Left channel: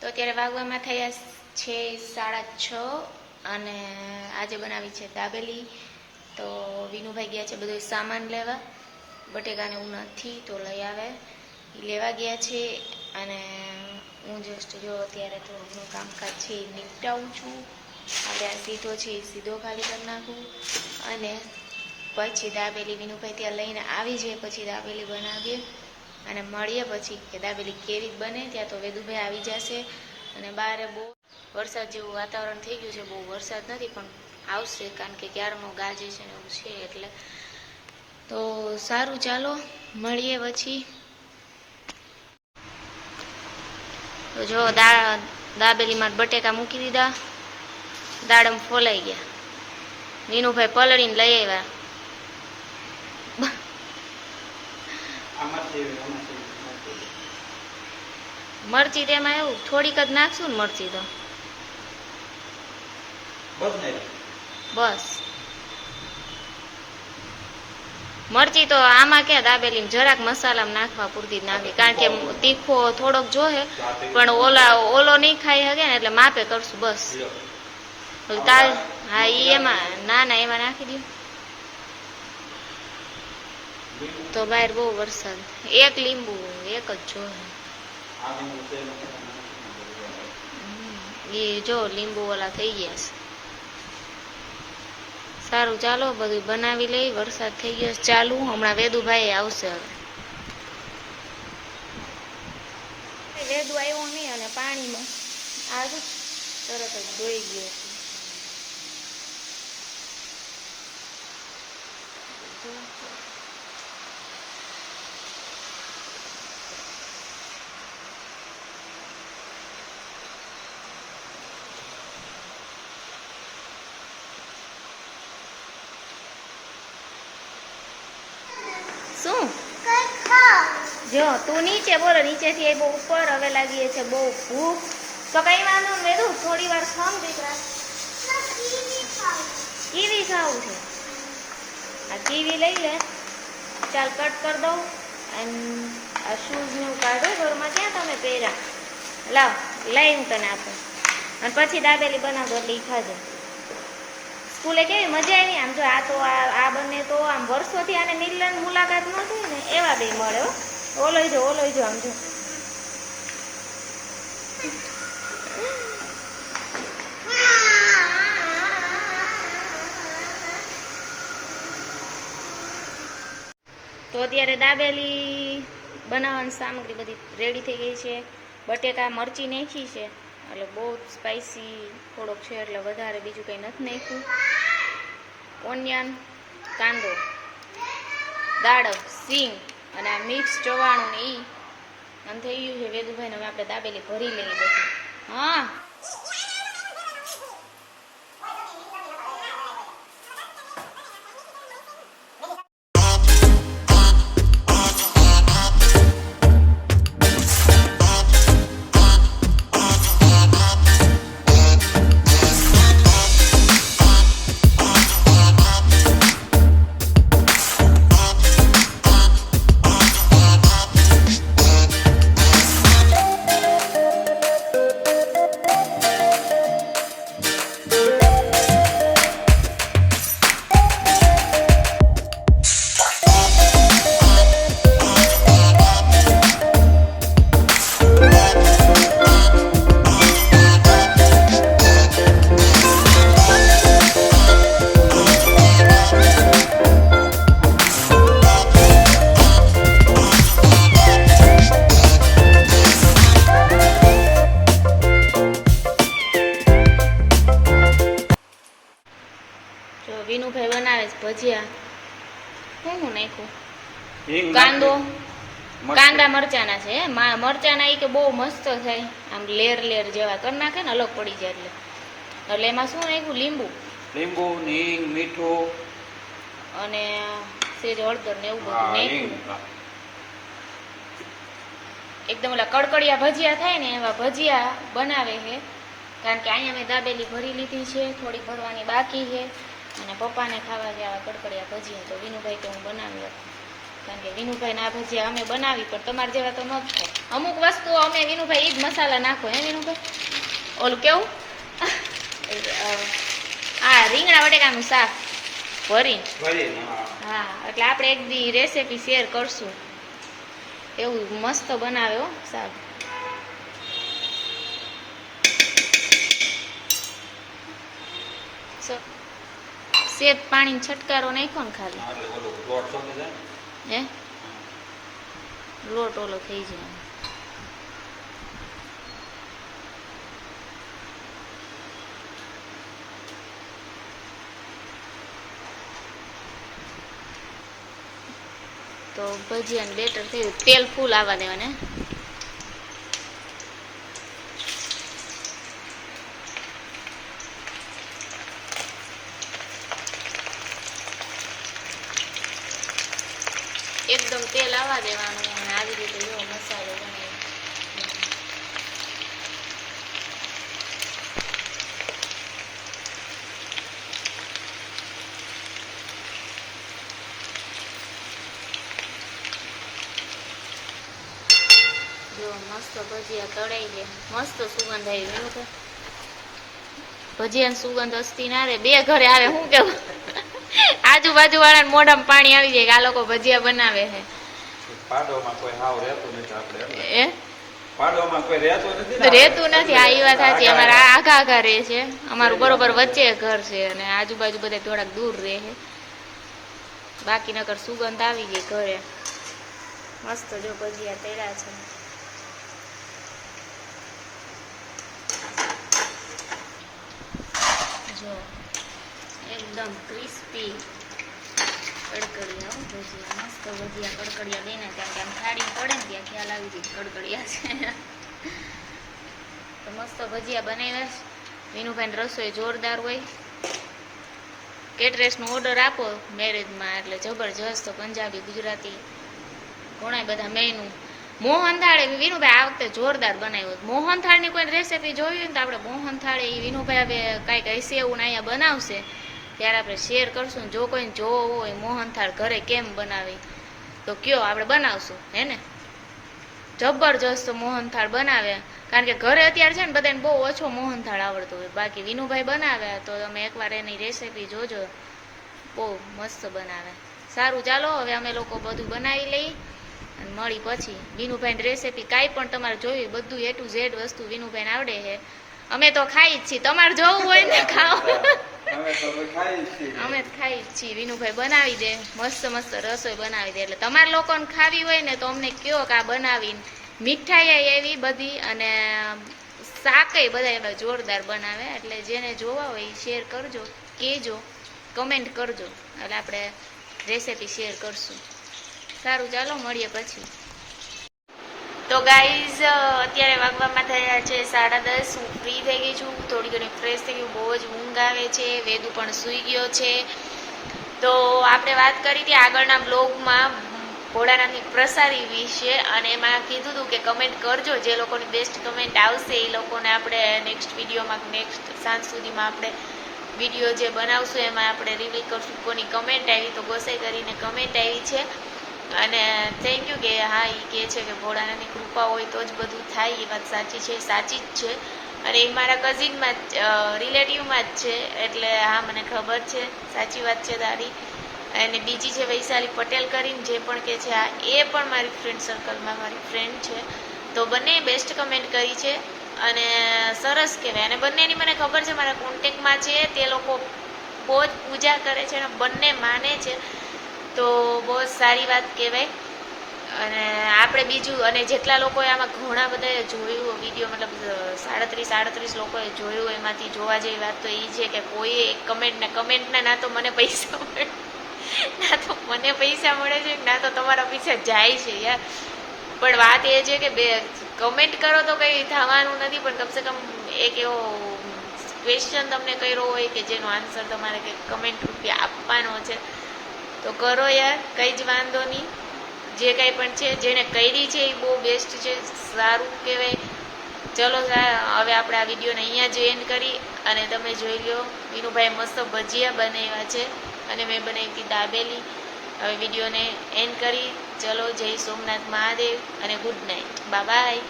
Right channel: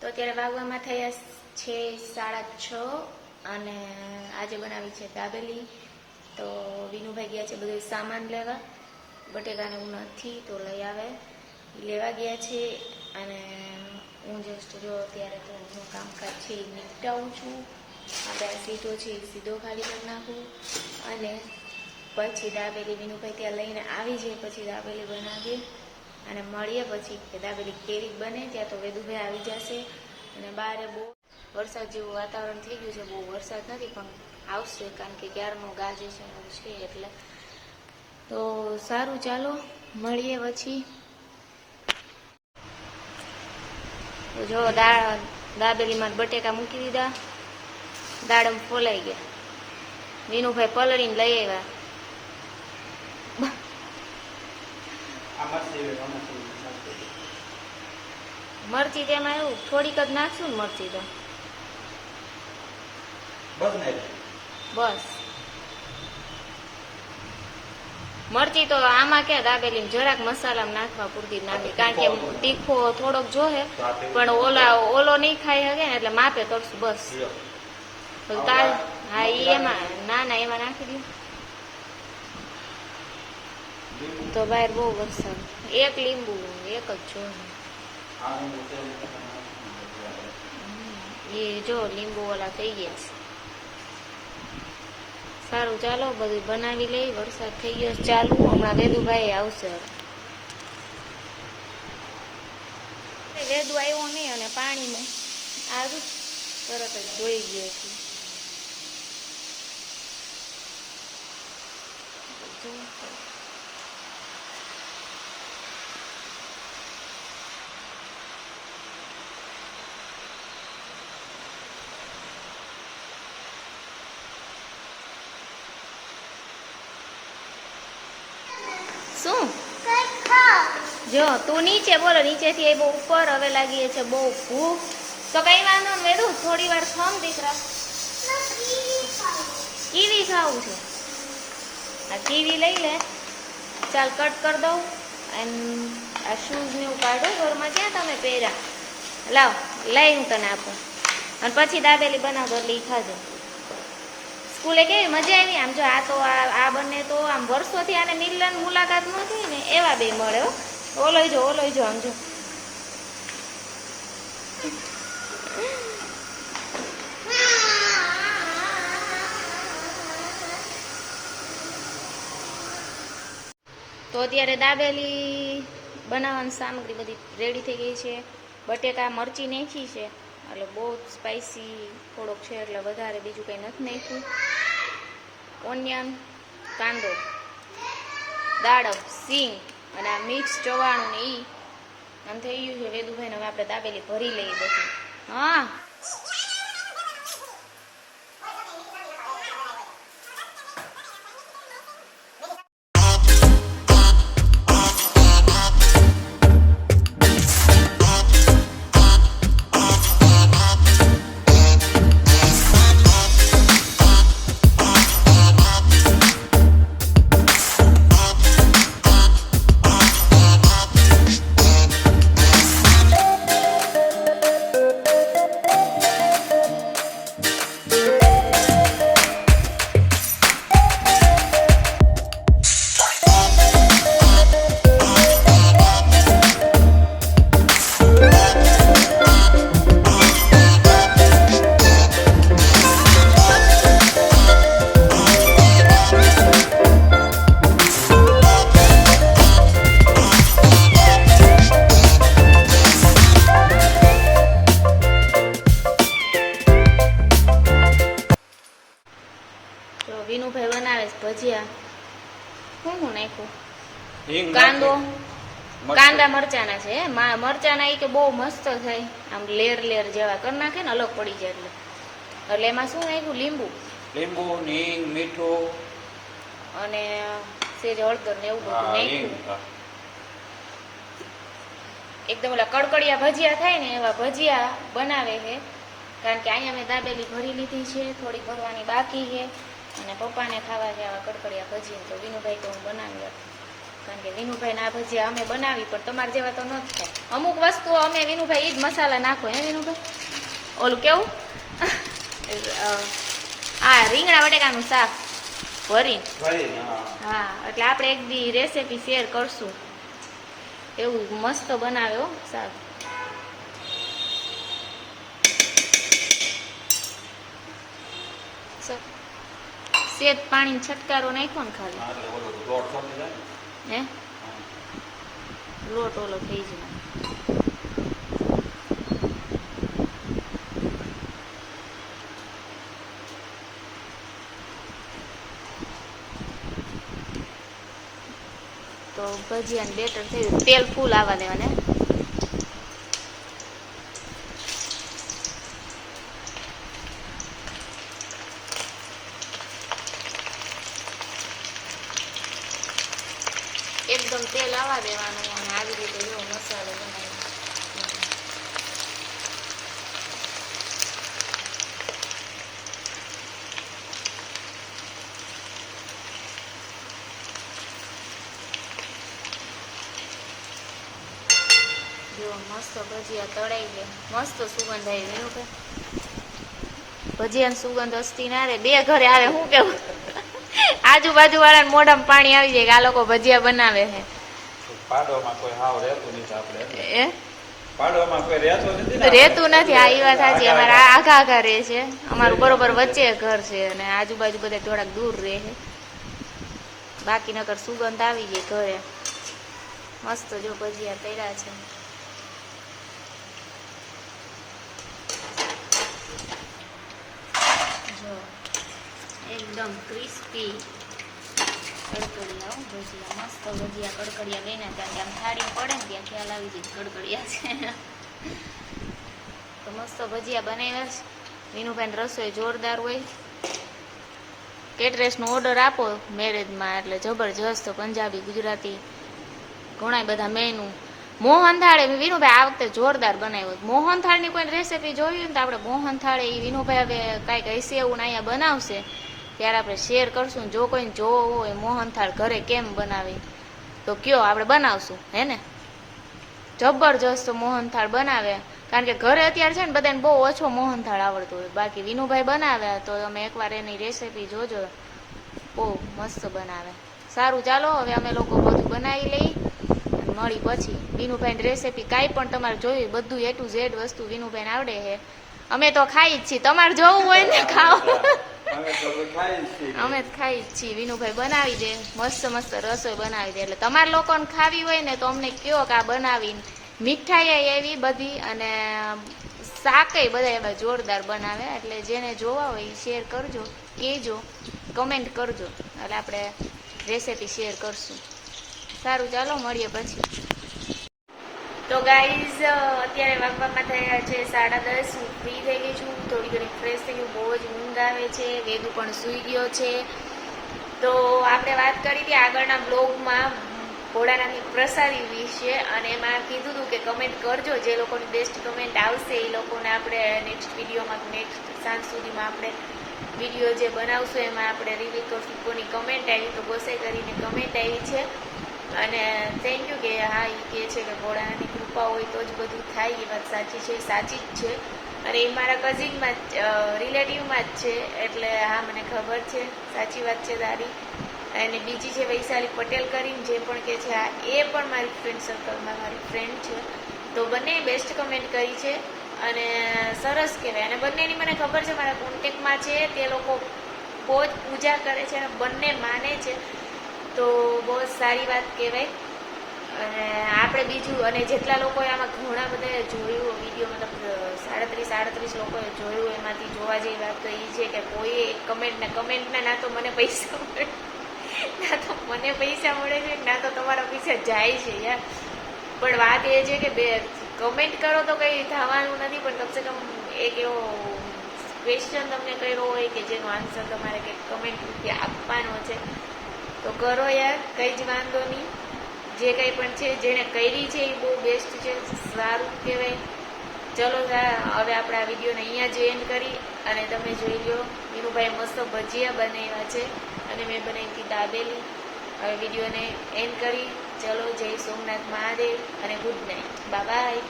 તો અત્યારે વાગવામાં થયા છે 6:30 અને આજે બનાવી છે દાબેલી. તો વિનુભાઈ ગયા છે બધો સામાન લેવા, બટેકાને એવું નથી તો લઈ આવે, એ લેવા ગયા છે. અને હું જસ્ટ જો અત્યારે તો હું કામકાજ છે એ નિપટાવું છું. આપણે આ સીધો છે એ સીધો ખાલી કરી નાખું અને પછી દાબેલી વિનુભાઈ ત્યાં લઈને આવી જાય પછી દાબેલી બનાવીએ અને મળીએ પછી કે દાબેલી કેવી બને. ત્યાં તો વેદુભાઈ આવી જશે અને બહાર બહુ વરસાદ જેવું વાતાવરણ થઈ ગયું છે. બહુ વરસાદ નથી પણ આવશે કારણ કે ક્યારનો ગાજે છે ને એવું છે એટલે. તો સારું ચાલો મળીએ પછી. તો જો દાબેલીમાં બટેકા મૂકી દીધા, દાડમ ફોલાઈ ગયા, વિનુભાઈ પલળીને લઈ આવ્યા. મરચી તેમાં એવું થોડીક જ નાખશું ને મરચી તો બસ. મરચી તો આમાં ક્યાં દાબેલી જરાક મસાલામાં નાખવા પૂરતી જ નાખી કારણ કે તીખો થોડોક જોહે પણ ઓલો નહીં ખાઈ શકે ને એટલે માપે કરશું બસ. હા એમાં ના એમાં નાખી દઉં. તો બહાર બહુ વરસાદ, એક લીંબુ એક જ જોહે. એ જો લીંબુ ઓલા થઈ ગયા છે. સારું ચાલો બધું બનાવી લઈ. વરસાદ થઈ ગયો ચાલુ, હમણાં વેદુભાઈ આવશે. હવે વેદુ આવ્યો નહીં અને પાણીમાં આજુ તરત જ ધોઈ ગયો છે. શું જો તું નીચે બોલો, નીચેથી બહુ ઉપર હવે લાગીએ છે બહુ ભૂખ. તો કઈ વાંધો ને વેદુ થોડી વાર ખમ દીકરા, કીવી ખાવું છે. આ કીવી લઈ લે, ચાલ કટ કરી દઉં. અને આ શૂઝ ને એવું કાઢો ઘરમાં, ક્યાં તમે પહેર્યા, લાવ લઈ હું તને આપું અને પછી દાબેલી બનાવતો એટલે ઈ ખાજે. સ્કૂલે કેવી મજા આવી. આમ જો આ તો આ બંને તો આમ વર્ષોથી આને મિલન મુલાકાત ન થઈ ને એવા બે મળે હો. ઓલોય જો આમ જો. તો અત્યારે દાબેલી બનાવવાની સામગ્રી બધી રેડી થઈ ગઈ છે. બટેકા મરચી નાખી છે એટલે બહુ સ્પાઈસી થોડોક છે એટલે વધારે બીજું કંઈ નથી નાખ્યું. ઓનિયન, કાંદો, દાડમ, સિંગ અને આ મિક્સ ચવાણું ને ઈ આમ થઈ ગયું છે વેદુભાઈને. હવે આપણે દાબેલી ભરી લઈએ બધું. હા વિનુભાઈ બનાવે છે ભજીયા. શું નાખ્યું? કાંદા મરચાના છે. મરચાના એ કે બહુ મસ્ત થાય, આમ લેર જેવા કરી નાખે ને અલગ પડી જાય એટલે એમાં શું નાખ્યું? લીંબુ, હિંગ, મીઠું અને સેજ હળદર ને એવું બધું નાખ્યું. એકદમ ઓલા કડકડિયા ભજીયા થાય ને એવા ભજીયા બનાવે છે. કારણ કે અહીંયા મેં દાબેલી ભરી લીધી છે, થોડી ભરવાની બાકી છે અને પપ્પાને ખાવા છે આવા કડકડિયા ભજીયા. તો વિનુભાઈ કે હું બનાવી આપું. કારણ કે વિનુભાઈ ના ભજીયા અમે બનાવી પણ તમારે જેવા તો ન જ થાય. અમુક વસ્તુઓ અમે વિનુભાઈ ઈ જ મસાલા નાખો હે વિનુભાઈ. ઓલું કેવું આ રીંગણા બટેકાનું શાક ભરીને. હા એટલે આપણે એક દી રેસીપી શેર કરશું. એવું મસ્ત બનાવે હો શાક. સેજ પાણી છટકારો નાખ્યો ને ખાલી હે લોટ ઓલો થઈ જાય. તો ભજીયાનું બેટર થયું. તેલ ફૂલ આવવા દેવાને. એકદમ તેલ આવવા દેવાનું અને આવી રીતે એવો મસાલો બનાવી. જો મસ્ત ભજીયા તળાઈ ગયા. મસ્ત સુગંધ આવી ગયું કે ભજીયાની સુગંધ અસ્તી ના રે. બે ઘરે આવે શું કેવું આજુબાજુ વાળા મોઢામાં પાણી આવી જાય કે આ લોકો ભજીયા બનાવે છે. રેતું નથી. આ વાત સાચી. અમારા આઘા આઘા રહે છે. અમારું બરોબર વચ્ચે ઘર છે અને આજુબાજુ બધા થોડાક દૂર રહે છે. બાકી નકર સુગંધ આવી ગઈ ઘરે. મસ્ત જો ભજીયા તળ્યા છે. જો એકદમ ક્રિસ્પી કડકડિયા ભજીયા. મસ્ત ભજીયા કડકડિયા બેને ત્યાં કે આમ થાળી પડે ને ત્યાં ખ્યાલ આવી જાય કડકડિયા છે. તો મસ્ત ભજીયા બનાવ્યા છે. વિનુભાઈ રસોઈ જોરદાર હોય. કેટરેસનો ઓર્ડર આપો મેરેજમાં એટલે જબરજસ્ત પંજાબી ગુજરાતી ઘણા બધા મેનુ. મોહનથાળ વિનુભાઈ આ વખતે જોરદાર બનાવ્યો. મોહનથાળની કોઈ રેસીપી જોઈ ને તો આપણે મોહનથાળ એ વિનુભાઈ હવે કાંઈક હશે એવું અહીંયા બનાવશે ત્યારે આપણે શેર કરશું. જો કોઈ જોવો હોય મોહનથાળ ઘરે કેમ બનાવી તો કયો આપણે બનાવશું હે ને. જબરજસ્ત મોહનથાળ બનાવે. કારણ કે ઘરે અત્યારે છે ને બધાને બહુ ઓછો મોહનથાળ આવડતો હોય. બાકી વિનુભાઈ બનાવે તો તમે એકવાર એની રેસીપી જોજો. બહુ મસ્ત બનાવે. સારું ચાલો હવે અમે લોકો બધું બનાવી લઈ અને મળી પછી વિનુભાઈની રેસીપી કાંઈ પણ તમારે જોયું બધું A to Z વસ્તુ વિનુભાઈને આવડે છે. અમે તો ખાઈ જ છીએ. તમારે જોવું હોય ને ખાઓ. અમે જ ખાઈ જ છીએ. વિનુભાઈ બનાવી દે મસ્ત મસ્ત રસોઈ બનાવી દે. એટલે તમારે લોકોને ખાવી હોય ને તો અમને કયો કે આ બનાવીને. મીઠાઈ એવી બધી અને શાકેય બધા એવા જોરદાર બનાવે. એટલે જેને જોવા હોય એ શેર કરજો, કહેજો, કમેન્ટ કરજો એટલે આપણે રેસીપી શેર કરશું. સારું ચાલો મળીએ પછી. તો ગાઈઝ અત્યારે વાગવામાં થયા છે 10:30. હું ફ્રી થઈ ગઈ છું. થોડી ઘણી ફ્રેશ થઈ ગયું. બહુ જ ઊંઘ આવે છે. વેદુ પણ સૂઈ ગયો છે. તો આપણે વાત કરી હતી આગળના બ્લોગમાં ભોળાનાથની પ્રસાદી વિશે અને એમાં કીધું હતું કે કમેન્ટ કરજો. જે લોકોની બેસ્ટ કમેન્ટ આવશે એ લોકોને આપણે નેક્સ્ટ વિડીયોમાં નેક્સ્ટ સાંજ સુધીમાં આપણે વિડીયો જે બનાવશું એમાં આપણે રિવીલ કરશું કોની કમેન્ટ આવી. તો ગોસાઈ કરીને કમેન્ટ આવી છે અને થેન્ક યુ કે હા એ કહે છે કે ભોળાનાથની કૃપા હોય તો જ બધું થાય. એ વાત સાચી છે, સાચી જ છે. અને એ મારા કઝિનમાં જ રિલેટિવમાં જ છે એટલે હા મને ખબર છે. સાચી વાત છે તારી. અને બીજી છે વૈશાલી પટેલ કરીને જે પણ કે છે હા એ પણ મારી ફ્રેન્ડ સર્કલમાં મારી ફ્રેન્ડ છે. તો બંને બેસ્ટ કમેન્ટ કરી છે અને સરસ કહેવાય. અને બંનેની મને ખબર છે મારા કોન્ટેક્ટમાં છે. તે લોકો બહુ જ પૂજા કરે છે અને બંને માને છે. તો બહુ જ સારી વાત કહેવાય. અને આપણે બીજું અને જેટલા લોકોએ આમાં ઘણા બધાએ જોયું વિડીયો મતલબ 37 લોકોએ જોયું એમાંથી જોવા જેવી વાત તો એ છે કે કોઈએ એક કમેન્ટના ના તો મને પૈસા મળે છે ના તો તમારા પૈસા જાય છે યાર. પણ વાત એ છે કે બે કમેન્ટ કરો તો કંઈ થવાનું નથી. પણ કમસે કમ એક એવો ક્વેશ્ચન તમને કર્યો હોય કે જેનો આન્સર તમારે કંઈક કમેન્ટ રૂપે આપવાનો છે તો કરો યાર. કંઈ જ વાંધો નહીં. જે કંઈ પણ છે જેણે કરી છે એ બહુ બેસ્ટ છે, સારું કહેવાય. ચલો હવે આપણે આ વિડીયોને અહીંયા જ એન્ડ કરી અને તમે જોઈ લો વિનુભાઈ મસ્ત ભજીયા બનાવ્યા છે અને મેં બનાવી હતી દાબેલી. હવે વિડીયોને એન્ડ કરી. ચલો, જય સોમનાથ મહાદેવ અને ગુડ નાઇટ. બાય.